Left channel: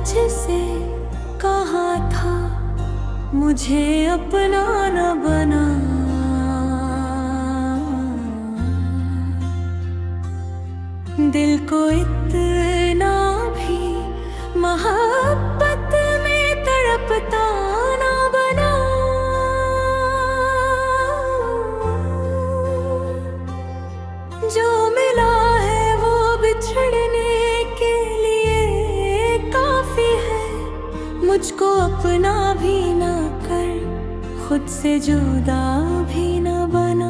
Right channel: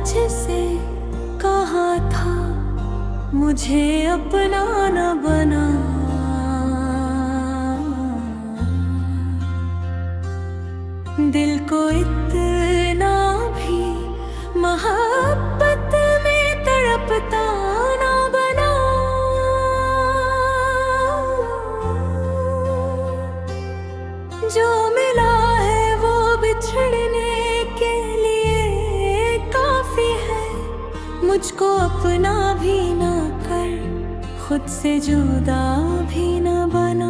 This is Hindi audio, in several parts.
तुझसे कहा था मुझे अपना न बना। दिल को इतना भी मोहब्बत में तड़पता ना बना। जो मिला है वो बिछड़ने के लिए काफी है। मुझको अपना भी ना कर, खुद से जुदा भी ना बना।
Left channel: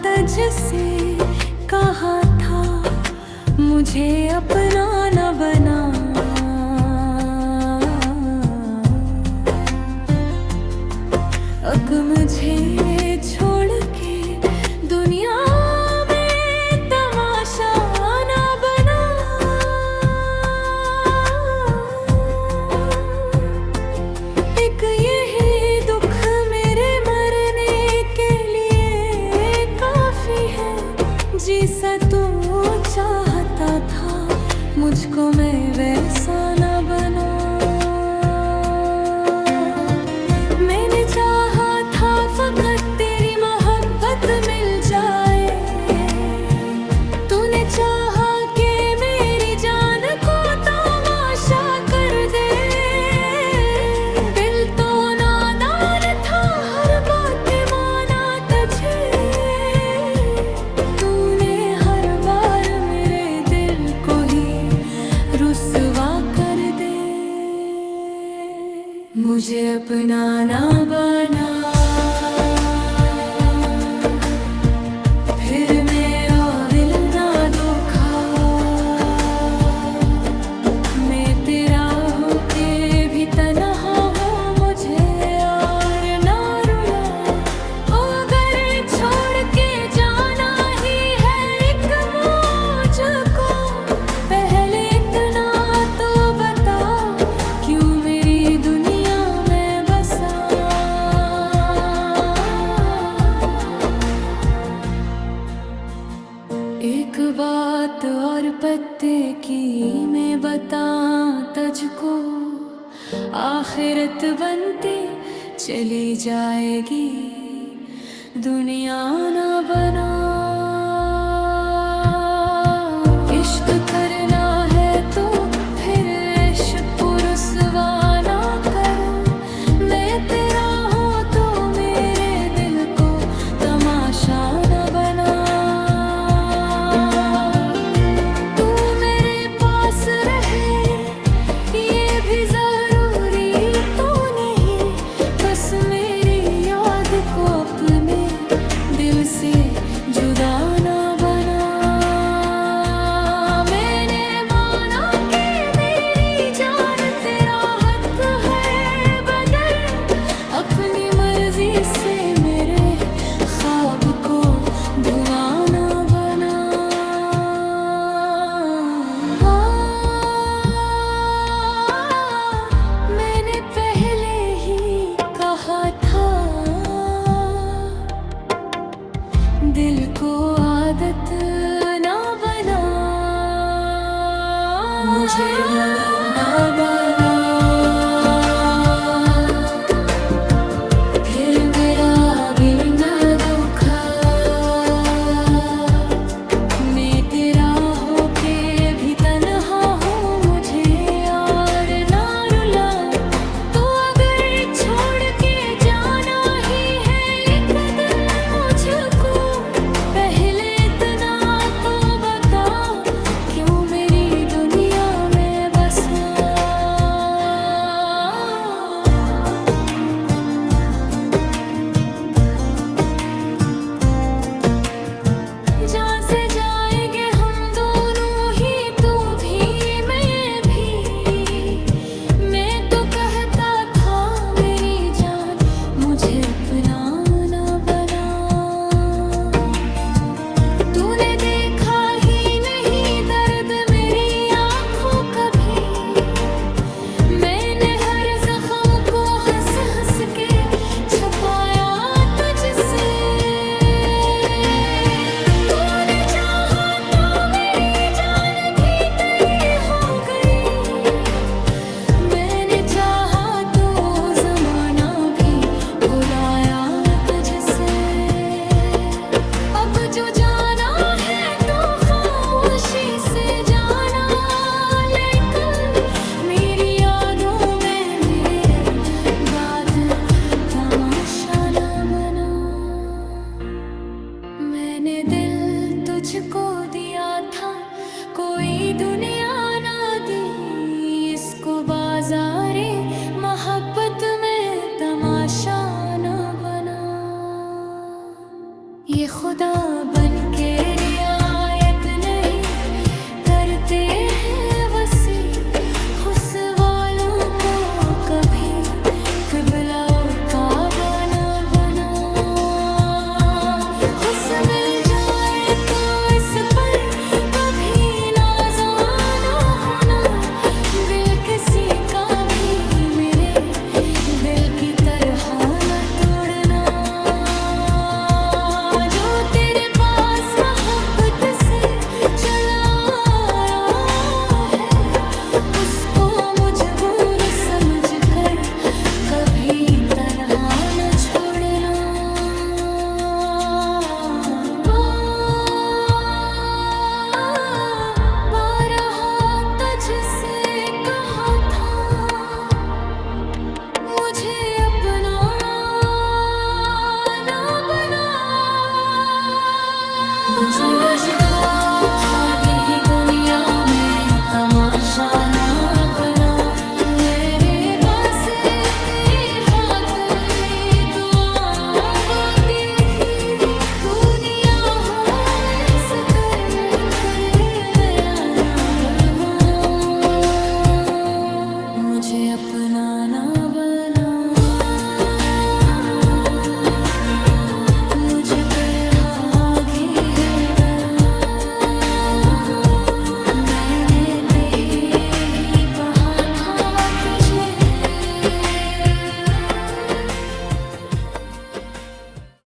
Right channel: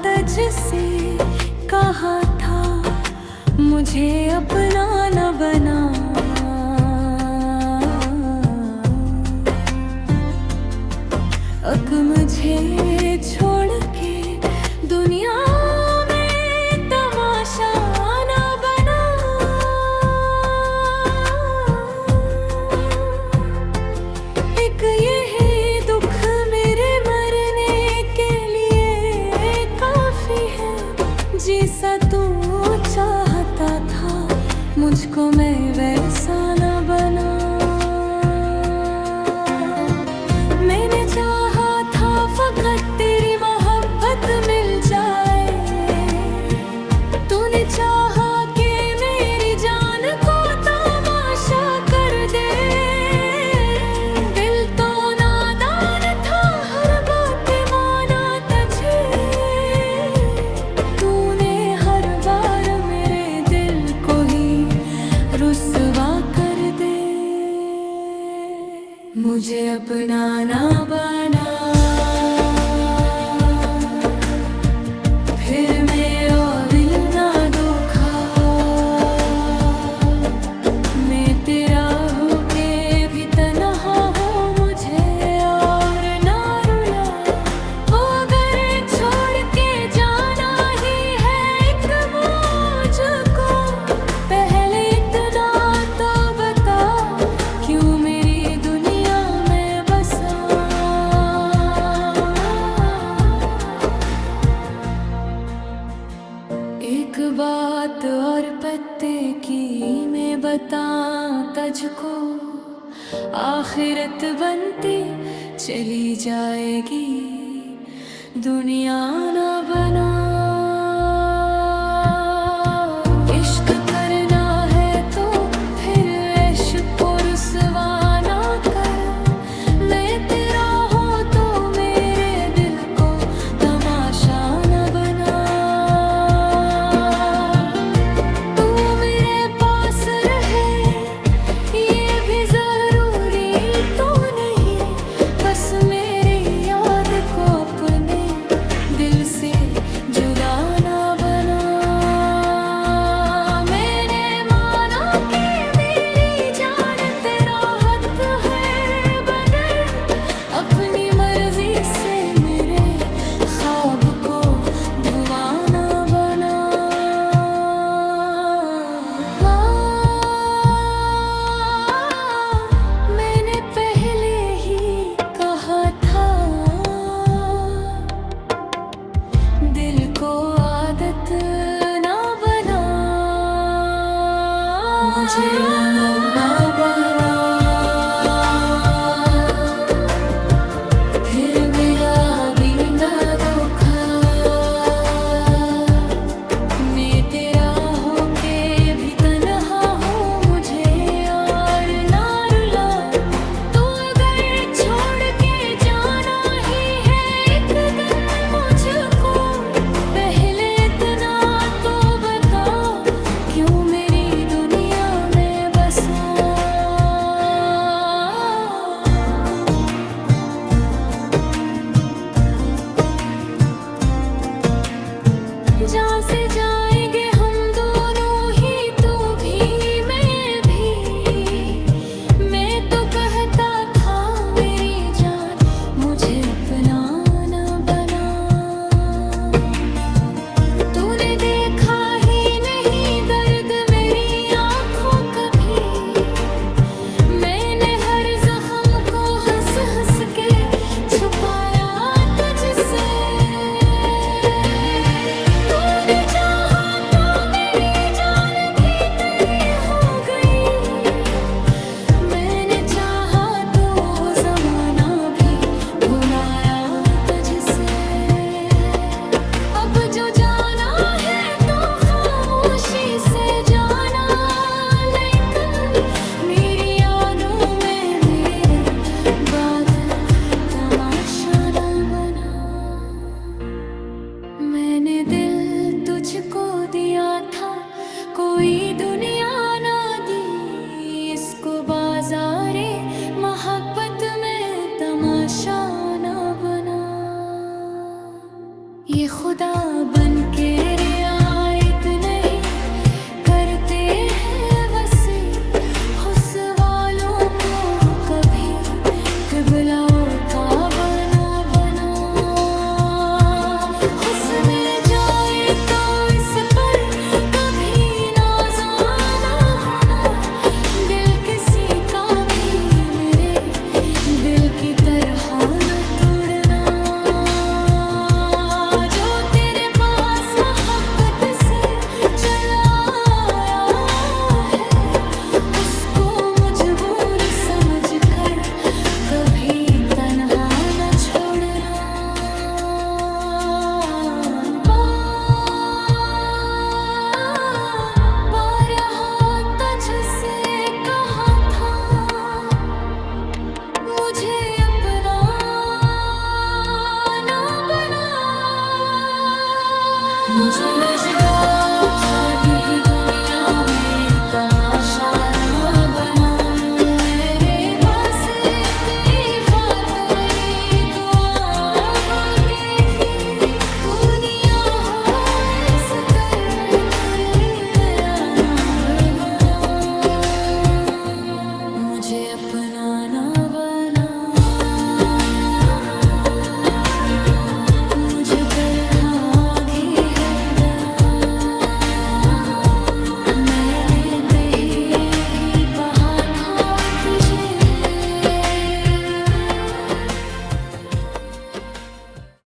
तुझसे कहा था मुझे अपना न बना। अब मुझे छोड़ के दुनिया में तमाशा न बना। एक यही दुख मेरे मरने के लिए काफी है। जैसा तू चाहता था मुझको मैं वैसा न बना। मैंने चाहा था फकत तेरी मोहब्बत मिल जाए। तूने चाहा कि मेरी जान को तमाशा कर दे। दिल तो नादान था, हर बात माना तुझे। तूने हर बार मेरे दिल को ही रुसवा कर दे। मुझे अपना ना बना, फिर मेरा दिल ना दुखा। मैं तेरा होके भी तन्हा हूँ, मुझे और ना रुला। ओ अगर छोड़ के जाना ही है एक मुझको, पहले इतना तो बता क्यों मेरी दुनिया में बसा। एक बात और पत्ते की मैं बता तुझको, आखिरत बनती चली जाएगी, दुनिया ना बना। इश्क करना है तो फिर इश्क को रुसवा ना कर। मैं तेरा हूँ तो मेरे दिल को तमाशा न बना। तू मेरे पास रहे ये भी जरूरी तो नहीं, बस मेरी याद को अपने दिल से जुदा ना बना। मैंने माना कि मेरी जान तेरा हक है बदल, अपनी मर्जी से मेरे ख्वाब को धुआं ना बना। मैंने पहले ही कहा था दिल को आदत ना बना। मुझे ना बना, फिर मेरा भी ना दुखा। मैं तेरा होके भी तन्हा हूँ, मुझे और ना रुला। तो अगर छोड़ के जाना ही है एक दिन मुझको, पहले इतना तो बता क्यों मेरी दुनिया में बसा। जहाँ से जाएंगे हम दोनों ही, तू भी मैं भी। मैं तो कहता था मेरी जान मुझे अपना न बना। तूने देखा ही नहीं दर्द में तुझको दिया था कोई दुनिया ना दी, इसको बाजारे मोहब्बत में तमाशा न बना। ये खुदा बन के रियायत नहीं करते हैं वसी, हुस वालों को कभी किबला काबा न बना। हुस मिल जाए तो इस पर कभी नाज़ाना होना, दिल किसी का भी मेरे दिल की तरह न तोड़ना। जो तेरे पास मोहब्बत से चला आया है, उसको मजबूर समझ कर कभी तन्हा न छोड़ना। बारहा तुझसे कहा था मुझे अपना ना बना, मुझे लगा था यही दुनिया में तमाशा ना बना। मेरे पास तेरी फातरी दुआ रोती थी, दुनिया हो इस कर करे मैं आना बना, मुझे अपना ना बना, मुझे तरह घिर